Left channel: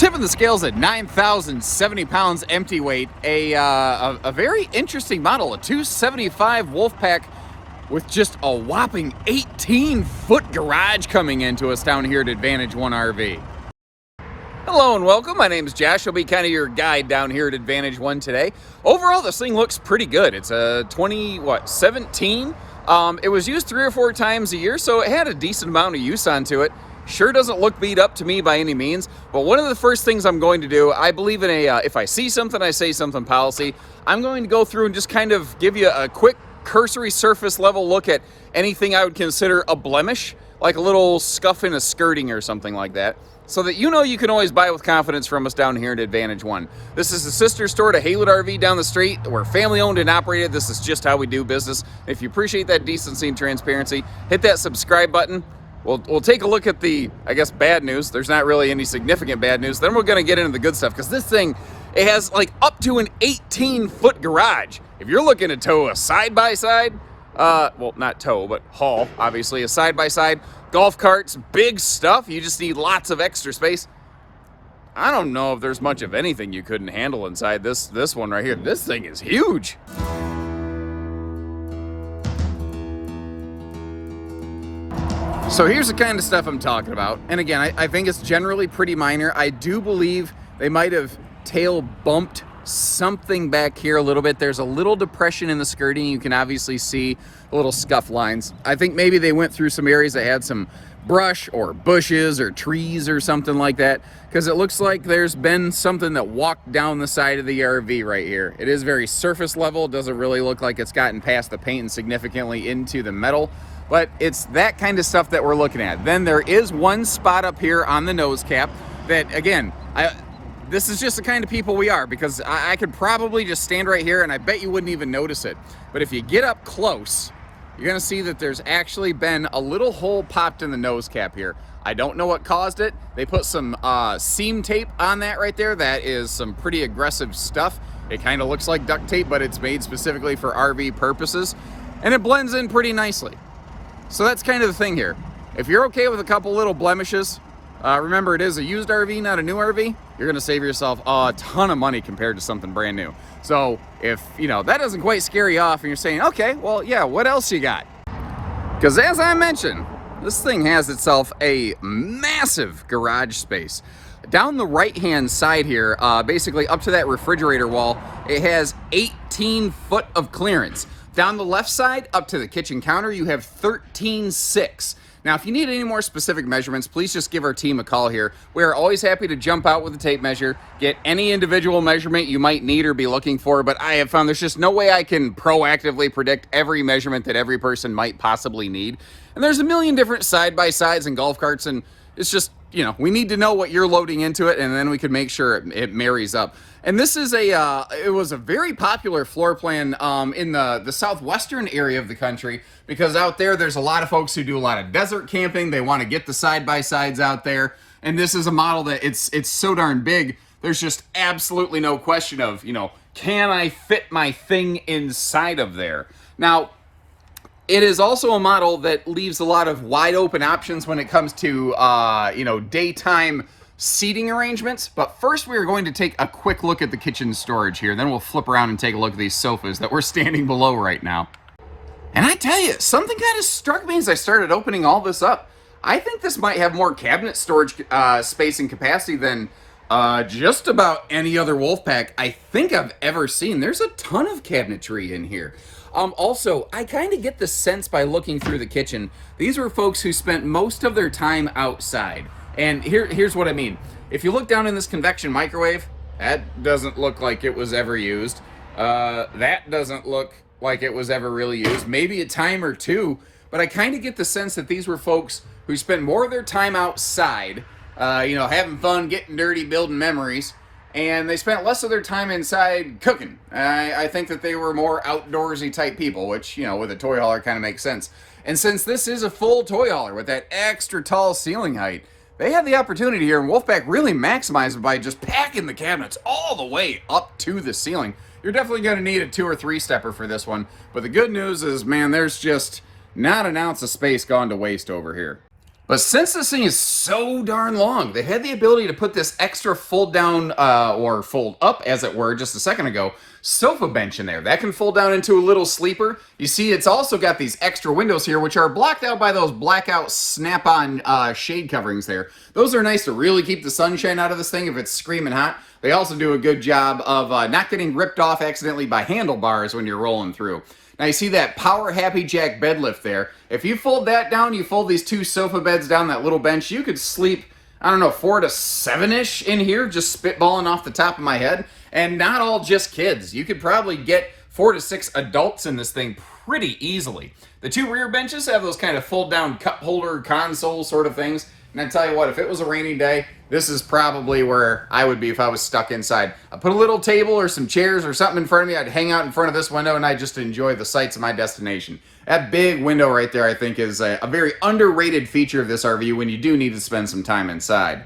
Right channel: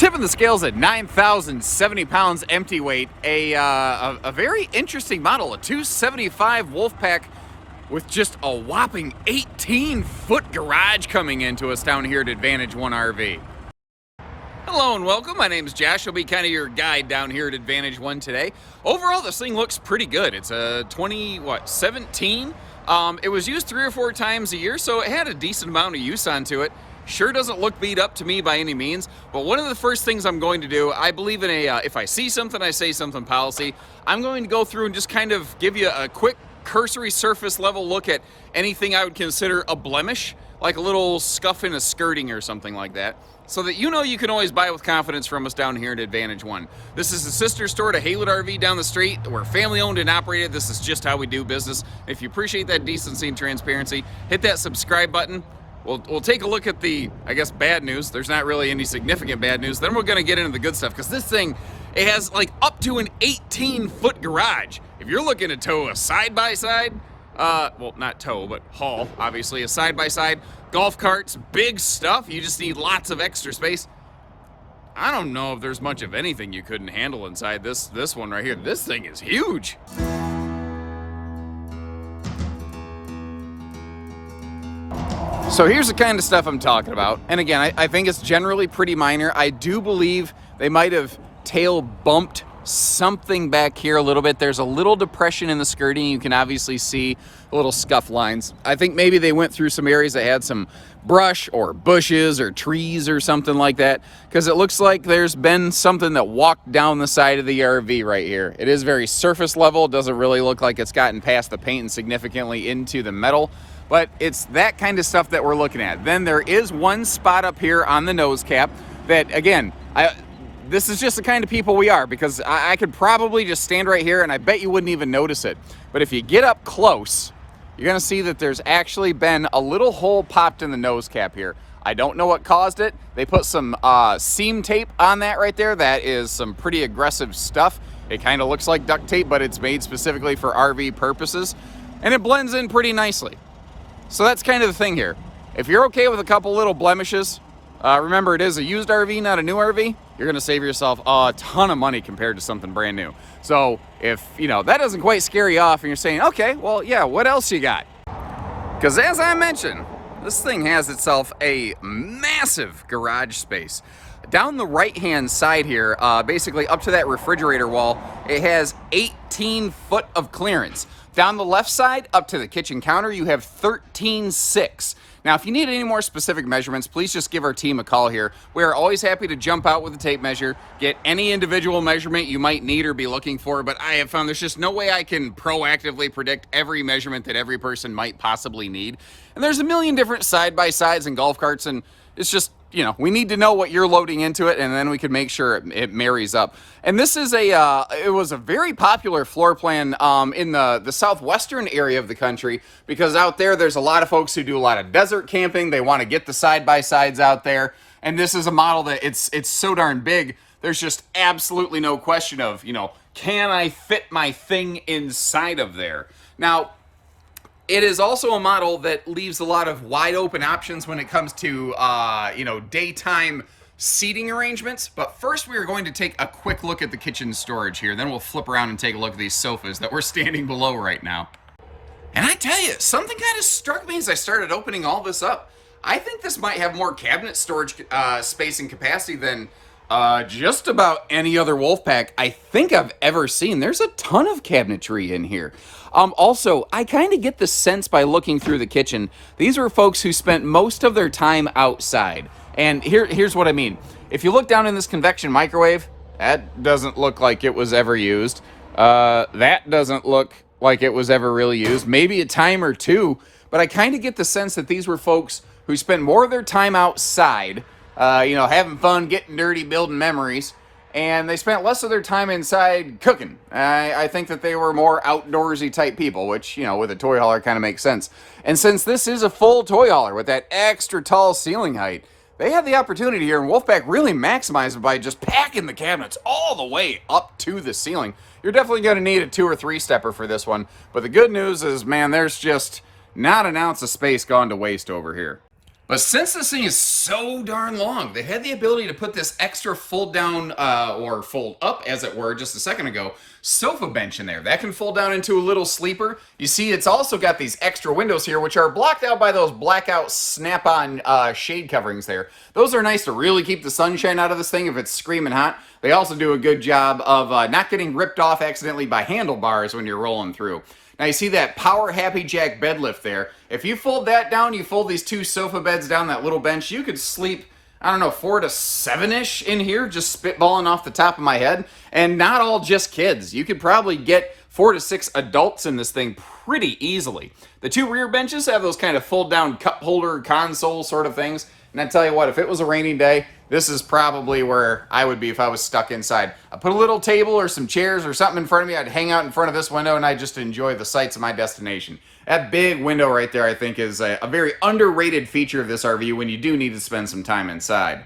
Tipping the scales at 9,070 pounds empty weight, a very interesting model, a 275 Wolfpack with just a whopping 18-foot garage coming into us down here at Advantage One RV. Hello and welcome. My name is Josh. I'll be kind of your guide down here at Advantage One today. Overall, this thing looks pretty good. It's a 17. It was used 3 or 4 times a year, so it had a decent amount of use onto it. Sure doesn't look beat up to me by any means, but one of the first things I'm going to do, I believe in a if I see something, I say something policy. I'm going to go through and just kind of give you a quick cursory surface level look at anything I would consider a blemish, like a little scuff in a skirting or something like that, so that you know you can always buy with confidence from us down here at Advantage One. This is the sister store to Haywood RV down the street. We're family owned and operated. This is just how we do business. If you appreciate that decency and transparency, hit that subscribe button. We'll take a look at the, I guess, bad news. There's not really any significant bad news. Then we're going to get into the good stuff, because this thing, it has like up to an 18-foot garage. If you're looking to tow a side-by-side, well, not tow, but haul, obviously, a side-by-side, golf carts, big stuff, you just need lots of extra space. I don't know if there's much of anything you couldn't handle inside this one right here. This thing is huge. So here's the kind of stuff I'm talking about. And again, I think it's generally pretty minor. I do believe they might have tail bumped something back here a little bit. There's a little depression in the skirting. You can obviously see little scuff lines. I think maybe they went through some areas that had some brush or bushes or trees or something like that, because it looks like there's been something that walked down the side of the RV right here. It is very surface level. It doesn't really look like it's gotten past the paint and significantly into the metal. But it's that kind of stuff that we're looking at. Then there is one spot up here on the nose cap that, again, this is just the kind of people we are, because I could probably just stand right here and I bet you wouldn't even notice it. But if you get up close, you're gonna see that there's actually been a little hole popped in the nose cap here. I don't know what caused it. They put some seam tape on that right there. That is some pretty aggressive stuff. It kind of looks like duct tape, but it's made specifically for RV purposes. And it blends in pretty nicely. So that's kind of the thing here. If you're okay with a couple little blemishes, remember it is a used RV, not a new RV, you're gonna save yourself a ton of money compared to something brand new. So if, you know, that doesn't quite scare you off and you're saying, okay, well, yeah, what else you got? Because as I mentioned, this thing has itself a massive garage space. Down the right-hand side here, basically up to that refrigerator wall, it has 18 foot of clearance. Down the left side, up to the kitchen counter, you have 13.6. Now, if you need any more specific measurements, please just give our team a call here. We're always happy to jump out with a tape measure, get any individual measurement you might need or be looking for, but I have found there's just no way I can proactively predict every measurement that every person might possibly need. And there's a million different side-by-sides and golf carts, and it's just, you know, we need to know what you're loading into it, and then we can make sure it marries up. And this is it was a very popular floor plan in the southwestern area of the country, because out there's a lot of folks who do a lot of desert camping. They want to get the side-by-sides out there. And this is a model that it's so darn big, there's just absolutely no question of, you know, can I fit my thing inside of there? Now, it is also a model that leaves a lot of wide open options when it comes to, you know, daytime seating arrangements. But first we are going to take a quick look at the kitchen storage here. Then we'll flip around and take a look at these sofas that we're standing below right now. And I tell you, something kind of struck me as I started opening all this up. I think this might have more cabinet storage space and capacity than just about any other Wolfpack I think I've ever seen. There's a ton of cabinetry in here. Also, I kind of get the sense by looking through the kitchen, these were folks who spent most of their time outside. And here's what I mean. If you look down in this convection microwave, that doesn't look like it was ever used. That doesn't look like it was ever really used. Maybe a time or two, but I kind of get the sense that these were folks who spent more of their time outside, you know, having fun, getting dirty, building memories, and they spent less of their time inside cooking. I think that they were more outdoorsy type people, which, you know, with a toy hauler kind of makes sense. And since this is a full toy hauler with that extra tall ceiling height, they have the opportunity here, and Wolfpack really maximized it by just packing the cabinets all the way up to the ceiling. You're definitely going to need a 2 or 3 stepper for this one, but the good news is, man, there's just not an ounce of space gone to waste over here. But since this thing is so darn long, they had the ability to put this extra fold down, or fold up, as it were, just a second ago, sofa bench in there. That can fold down into a little sleeper. You see, it's also got these extra windows here, which are blocked out by those blackout snap-on shade coverings there. Those are nice to really keep the sunshine out of this thing if it's screaming hot. They also do a good job of not getting ripped off accidentally by handlebars when you're rolling through. Now you see that Power Happy Jack bed lift there. If you fold that down, you fold these two sofa beds down that little bench, you could sleep, I don't know, 4 to 7-ish in here, just spitballing off the top of my head. And not all just kids. You could probably get 4 to 6 adults in this thing pretty easily. The two rear benches have those kind of fold down cup holder console sort of things. And I tell you what, if it was a rainy day, this is probably where I would be if I was stuck inside. I put a little table or some chairs or something in front of me. I'd hang out in front of this window and I'd just enjoy the sights of my destination. That big window right there, I think, is a very underrated feature of this RV when you do need to spend some time inside.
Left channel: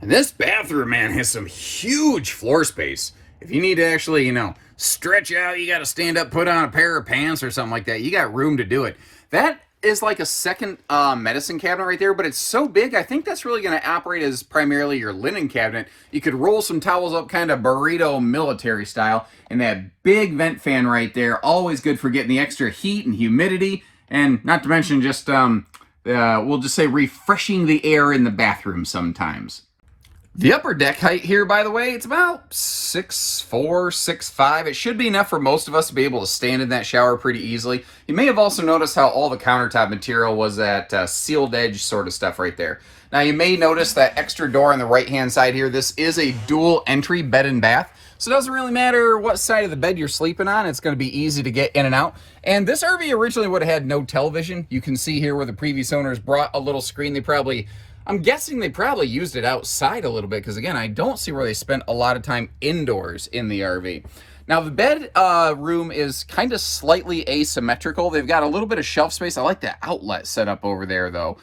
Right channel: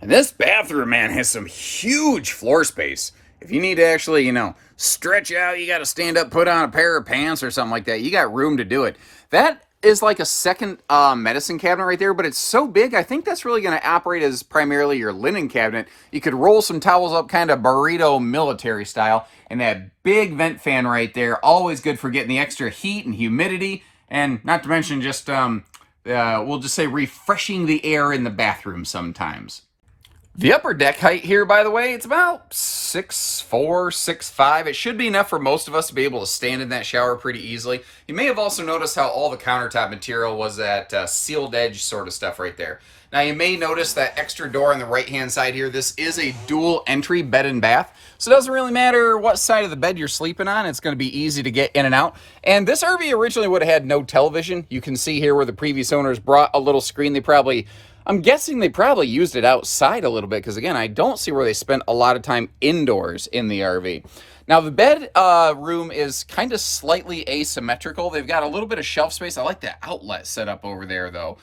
And this bathroom, man, has some huge floor space. If you need to actually, stretch out, you got to stand up, put on a pair of pants or something like that. You got room to do it. That is like a second medicine cabinet right there, but it's so big, I think that's really going to operate as primarily your linen cabinet. You could roll some towels up kind of burrito military style, and that big vent fan right there, always good for getting the extra heat and humidity, and not to mention just, we'll just say refreshing the air in the bathroom sometimes. The upper deck height here, by the way, it's about 6'4", 6'5". It should be enough for most of us to be able to stand in that shower pretty easily. You may have also noticed how all the countertop material was that sealed edge sort of stuff right there. Now, you may notice that extra door on the right-hand side here. This is a dual entry bed and bath. So it doesn't really matter what side of the bed you're sleeping on. It's going to be easy to get in and out. And this RV originally would have had no television. You can see here where the previous owners brought a little screen. I'm guessing they probably used it outside a little bit because, again, I don't see where they spent a lot of time indoors in the RV. Now, the bed room is kind of slightly asymmetrical. They've got a little bit of shelf space. I like the outlet set up over there, though,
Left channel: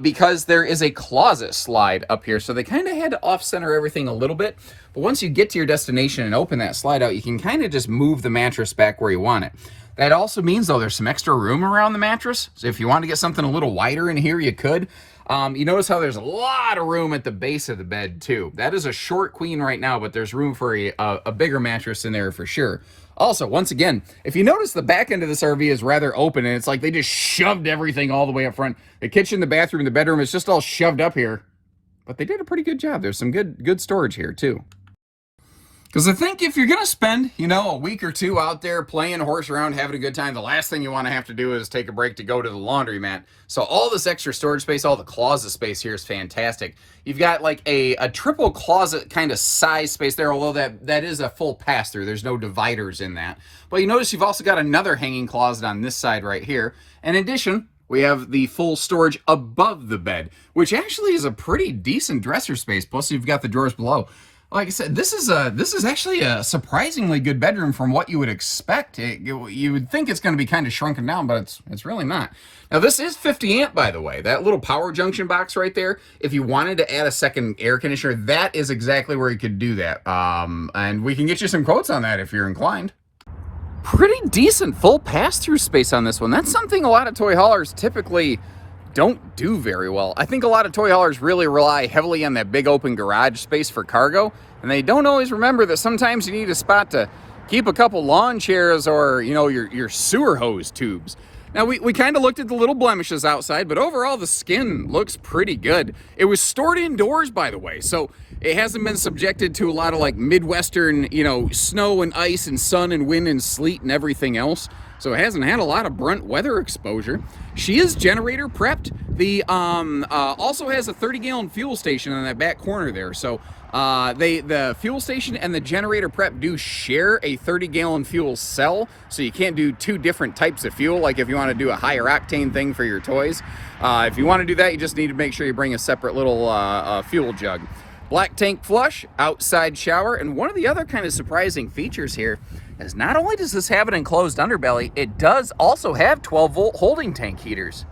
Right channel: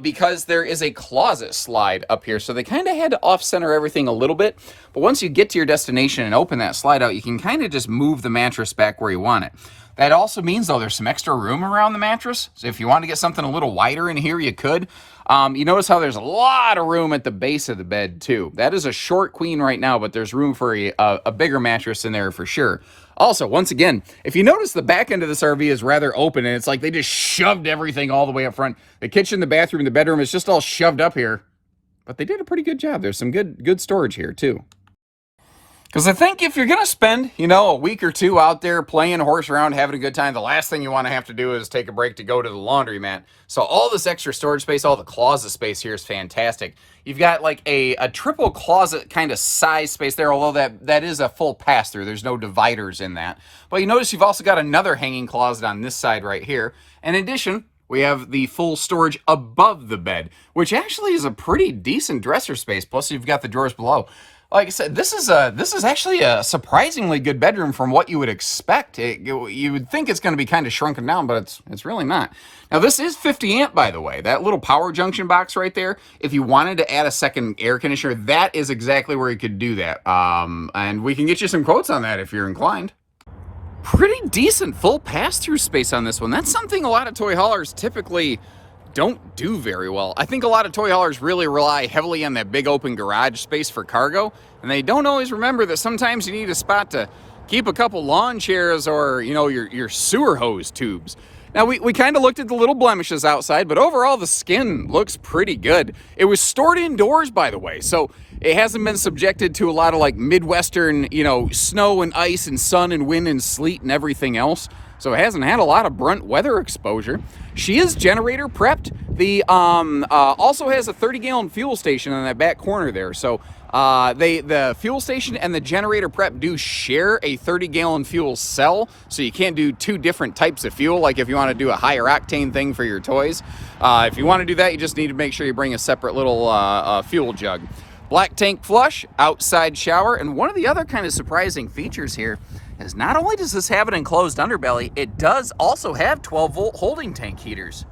because there is a closet slide up here. So they kind of had to off-center everything a little bit. But once you get to your destination and open that slide out, you can kind of just move the mattress back where you want it. That also means, though, there's some extra room around the mattress. So if you want to get something a little wider in here, you could. You notice how there's a lot of room at the base of the bed, too. That is a short queen right now, but there's room for a bigger mattress in there for sure. Also, once again, if you notice, the back end of this RV is rather open, and it's like they just shoved everything all the way up front. The kitchen, the bathroom, the bedroom is just all shoved up here. But they did a pretty good job. There's some good storage here, too. Because I think if you're going to spend, a week or two out there playing horse around, having a good time, the last thing you want to have to do is take a break to go to the laundromat. So all this extra storage space, all the closet space here is fantastic. You've got like a triple closet kind of size space there, although that is a full pass-through. There's no dividers in that. But you notice you've also got another hanging closet on this side right here. In addition, we have the full storage above the bed, which actually is a pretty decent dresser space. Plus, you've got the drawers below. Like I said, this is actually a surprisingly good bedroom from what you would expect. You would think it's going to be kind of shrunken down, but it's really not. Now, this is 50 amp, by the way. That little power junction box right there, if you wanted to add a second air conditioner, that is exactly where you could do that. And we can get you some quotes on that if you're inclined. Pretty decent full pass-through space on this one. That's something a lot of toy haulers typically don't do very well. I think a lot of toy haulers really rely heavily on that big open garage space for cargo, and they don't always remember that sometimes you need a spot to keep a couple lawn chairs or, your sewer hose tubes. Now, we kind of looked at the little blemishes outside, but overall the skin looks pretty good. It was stored indoors, by the way, so it hasn't been subjected to a lot of like Midwestern, snow and ice and sun and wind and sleet and everything else. So it hasn't had a lot of brunt weather exposure. She is generator prepped. The also has a 30-gallon fuel station in that back corner there. So the fuel station and the generator prep do share a 30-gallon fuel cell. So you can't do two different types of fuel, like if you want to do a higher octane thing for your toys. If you want to do that, you just need to make sure you bring a separate little fuel jug. Black tank flush, outside shower, and one of the other kind of surprising features here is not only does this have an enclosed underbelly, it does also have 12-volt holding tank heaters.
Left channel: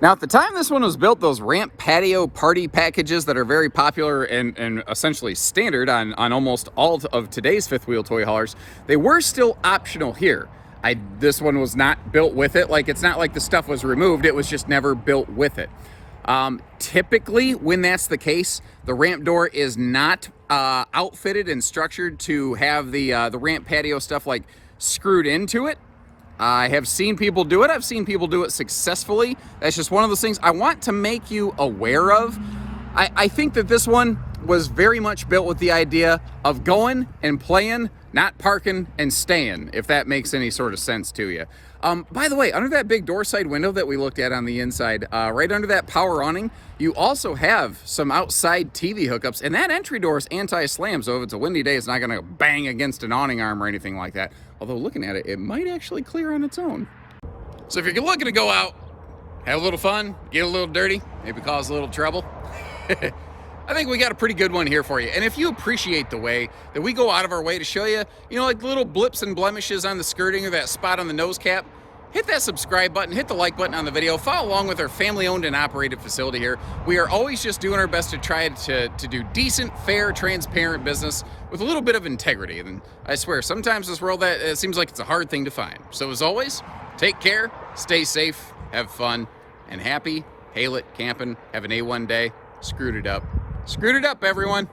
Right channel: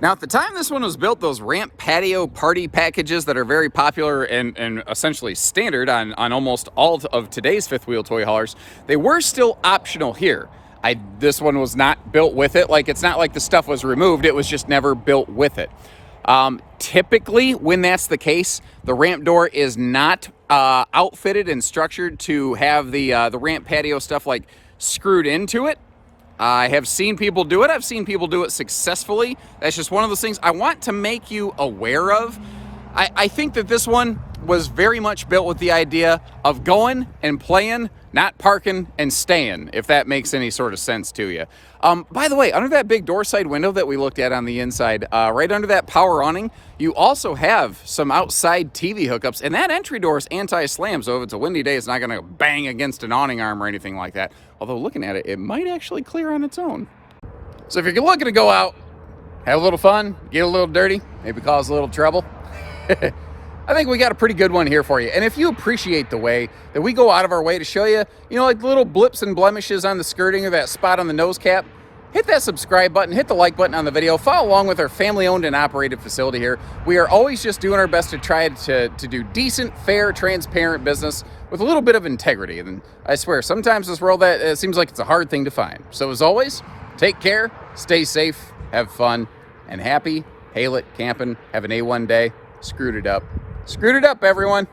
Now, at the time this one was built, those ramp patio party packages that are very popular and essentially standard on almost all of today's fifth wheel toy haulers, they were still optional here. This one was not built with it. Like, it's not like the stuff was removed, it was just never built with it. Typically, when that's the case, the ramp door is not outfitted and structured to have the ramp patio stuff like screwed into it. I have seen people do it. I've seen people do it successfully. That's just one of those things I want to make you aware of. I think that this one was very much built with the idea of going and playing, not parking and staying, if that makes any sort of sense to you. By the way, under that big door side window that we looked at on the inside, right under that power awning, you also have some outside TV hookups, and that entry door is anti-slam, so if it's a windy day, it's not going to bang against an awning arm or anything like that. Although looking at it, it might actually clear on its own. So if you're looking to go out, have a little fun, get a little dirty, maybe cause a little trouble, I think we got a pretty good one here for you. And if you appreciate the way that we go out of our way to show you, like the little blips and blemishes on the skirting or that spot on the nose cap, hit that subscribe button, hit the like button on the video, follow along with our family-owned and operated facility here. We are always just doing our best to try to do decent, fair, transparent business with a little bit of integrity. And I swear, sometimes this world, that seems like it's a hard thing to find. So as always, take care, stay safe, have fun, and happy, hail it, camping, have an A1 day. Screwed it up. Screwed it up, everyone.